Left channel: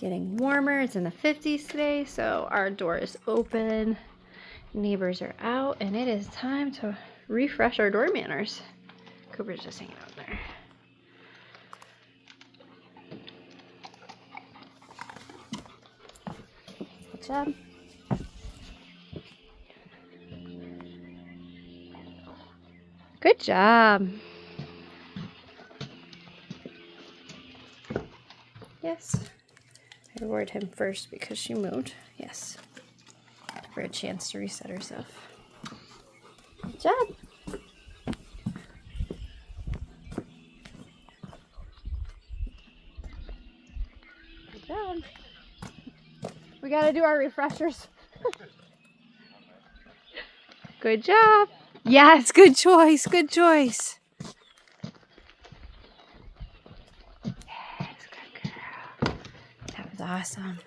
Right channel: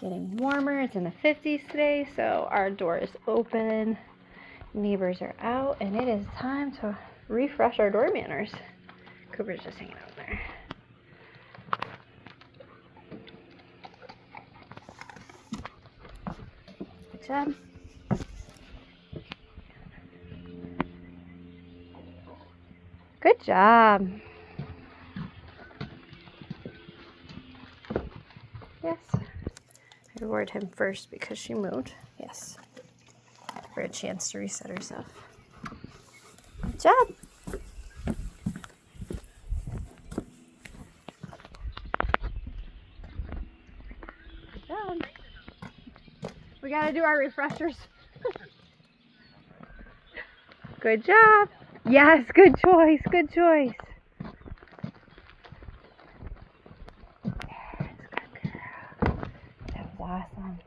Getting warmer. It's in the 50s today, so our door is open. Neighbors are out, and it is time to refresh our door manners. Cooper's just hanging out there. Good job. Good job. Yes. I reward him first because she moved. Yes. For a chance to reset herself. Good job. Good job. We gotta do our refreshers. Good job. Yes, good choice. Good choice. Yes, good girl. That was awesome.